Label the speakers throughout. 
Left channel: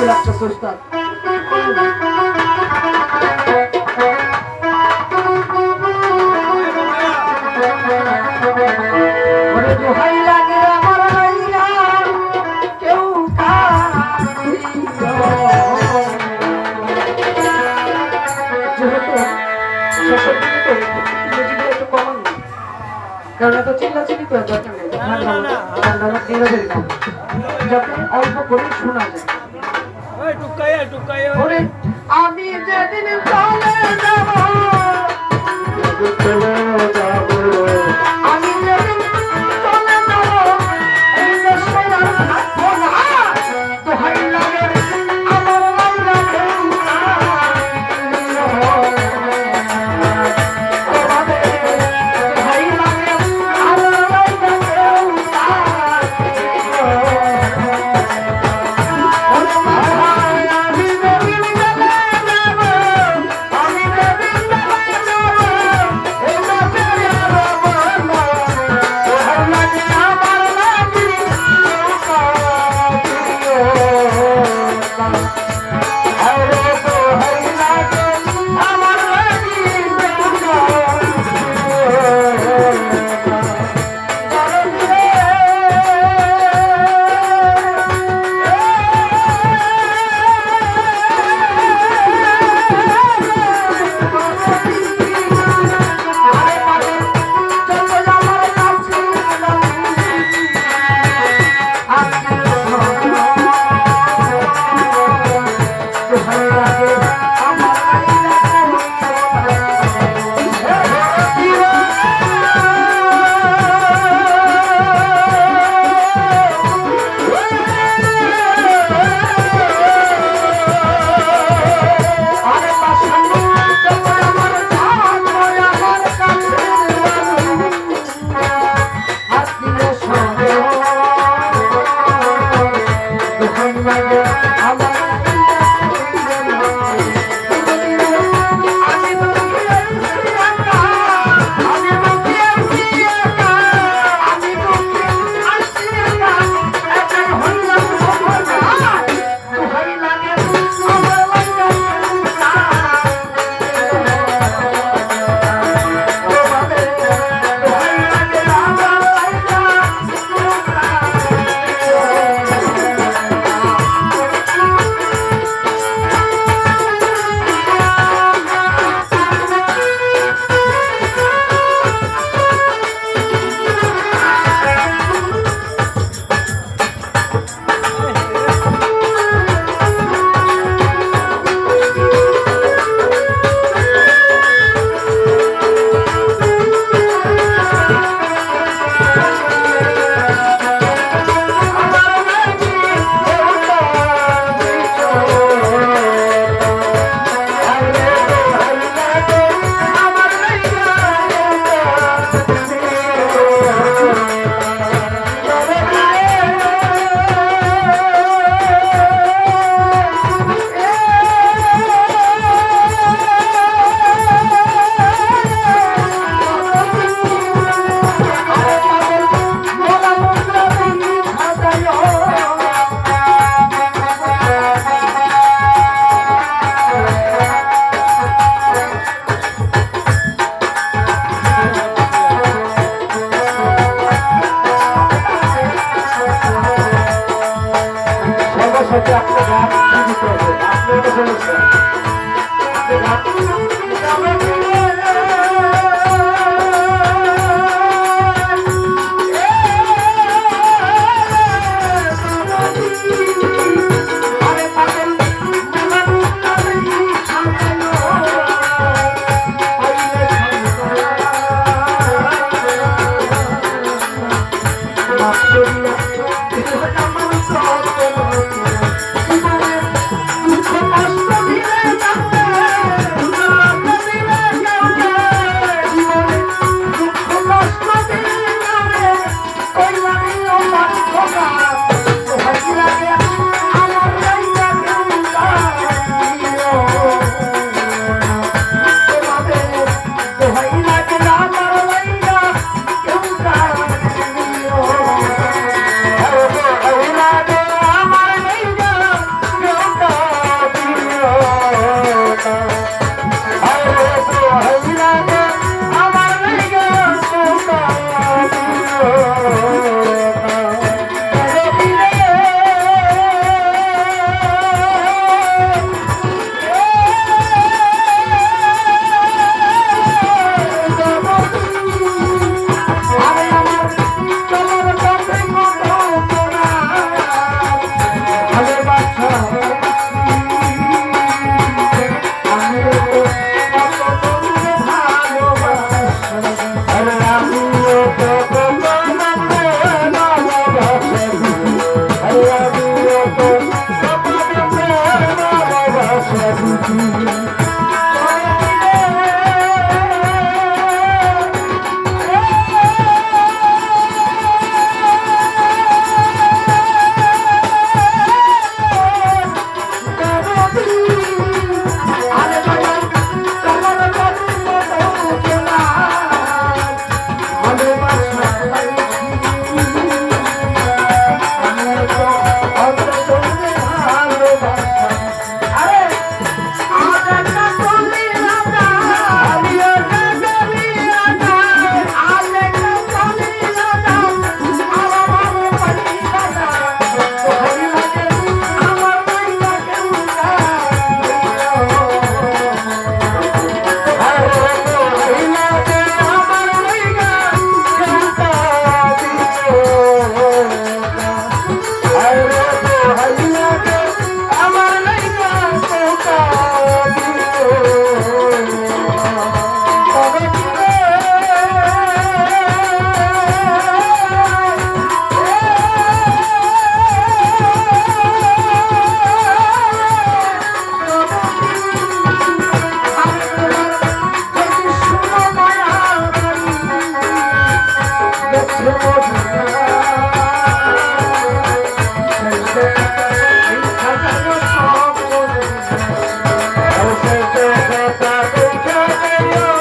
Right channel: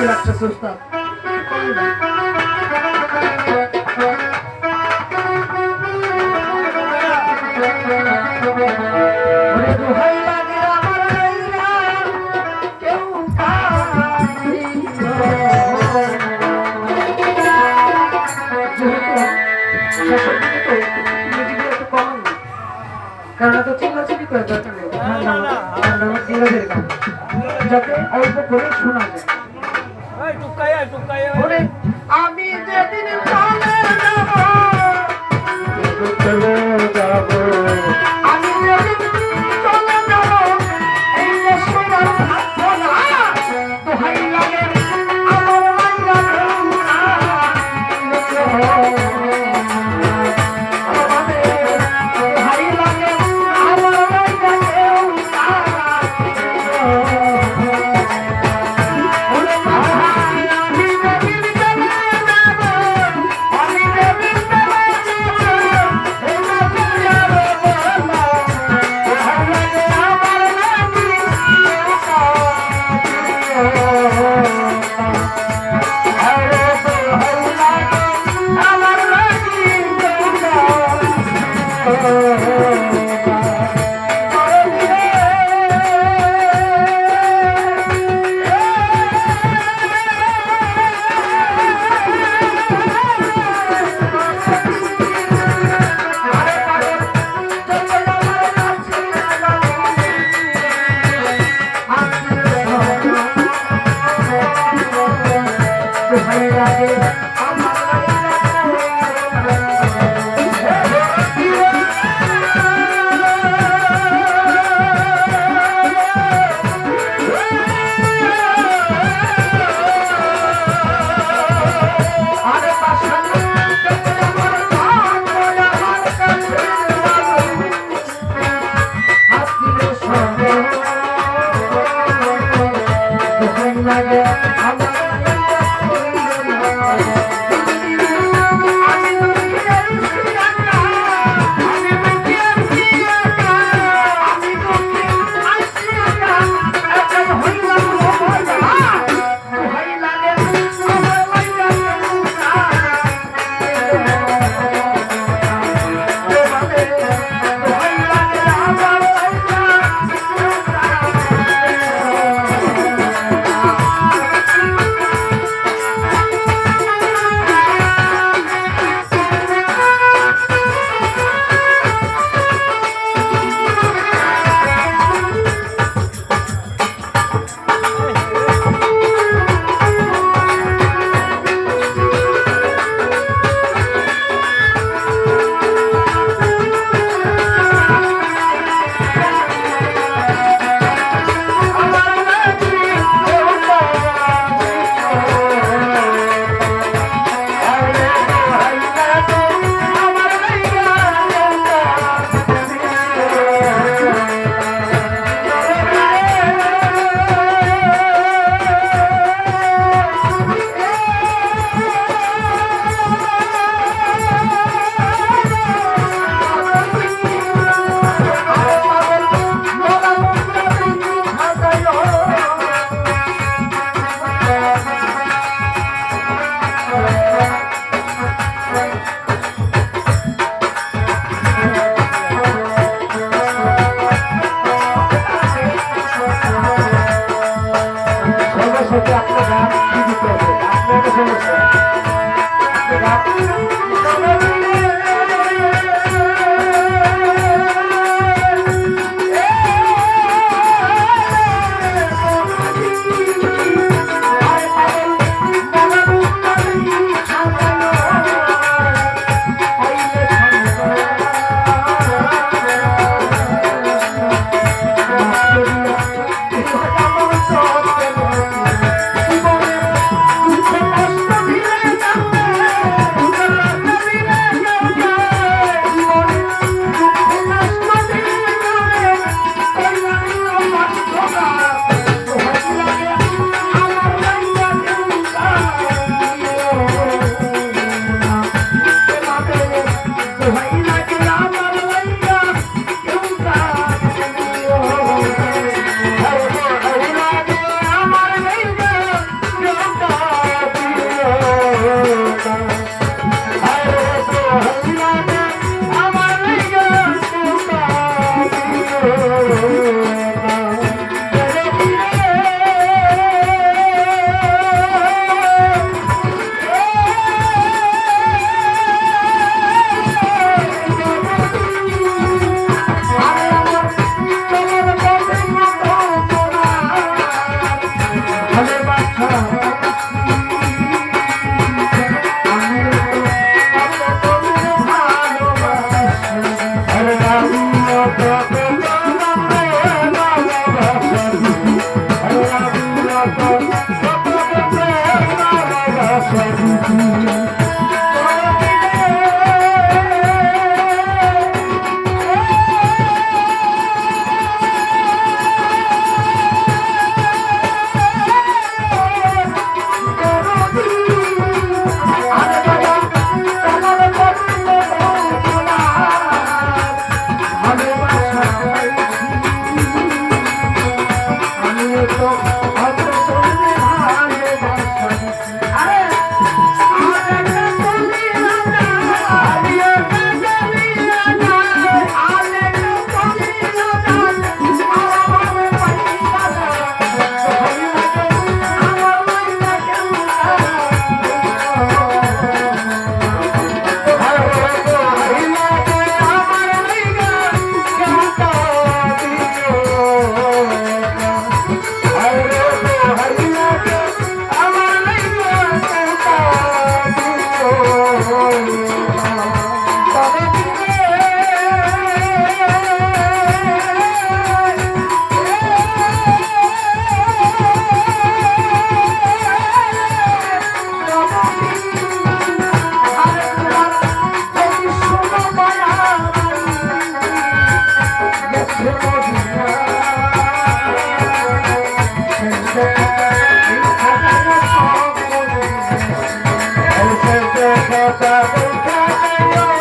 Speaker 1: বিরক্ত লাগতেছে ওস্তাদ। কারণ এত চিল্লাচিল্লি করে দরকার অল্প করে শোনা যায় Thank you. Love Thank you.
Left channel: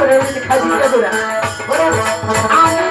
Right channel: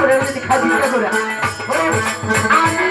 Speaker 1: করে খাই দিয়ে করে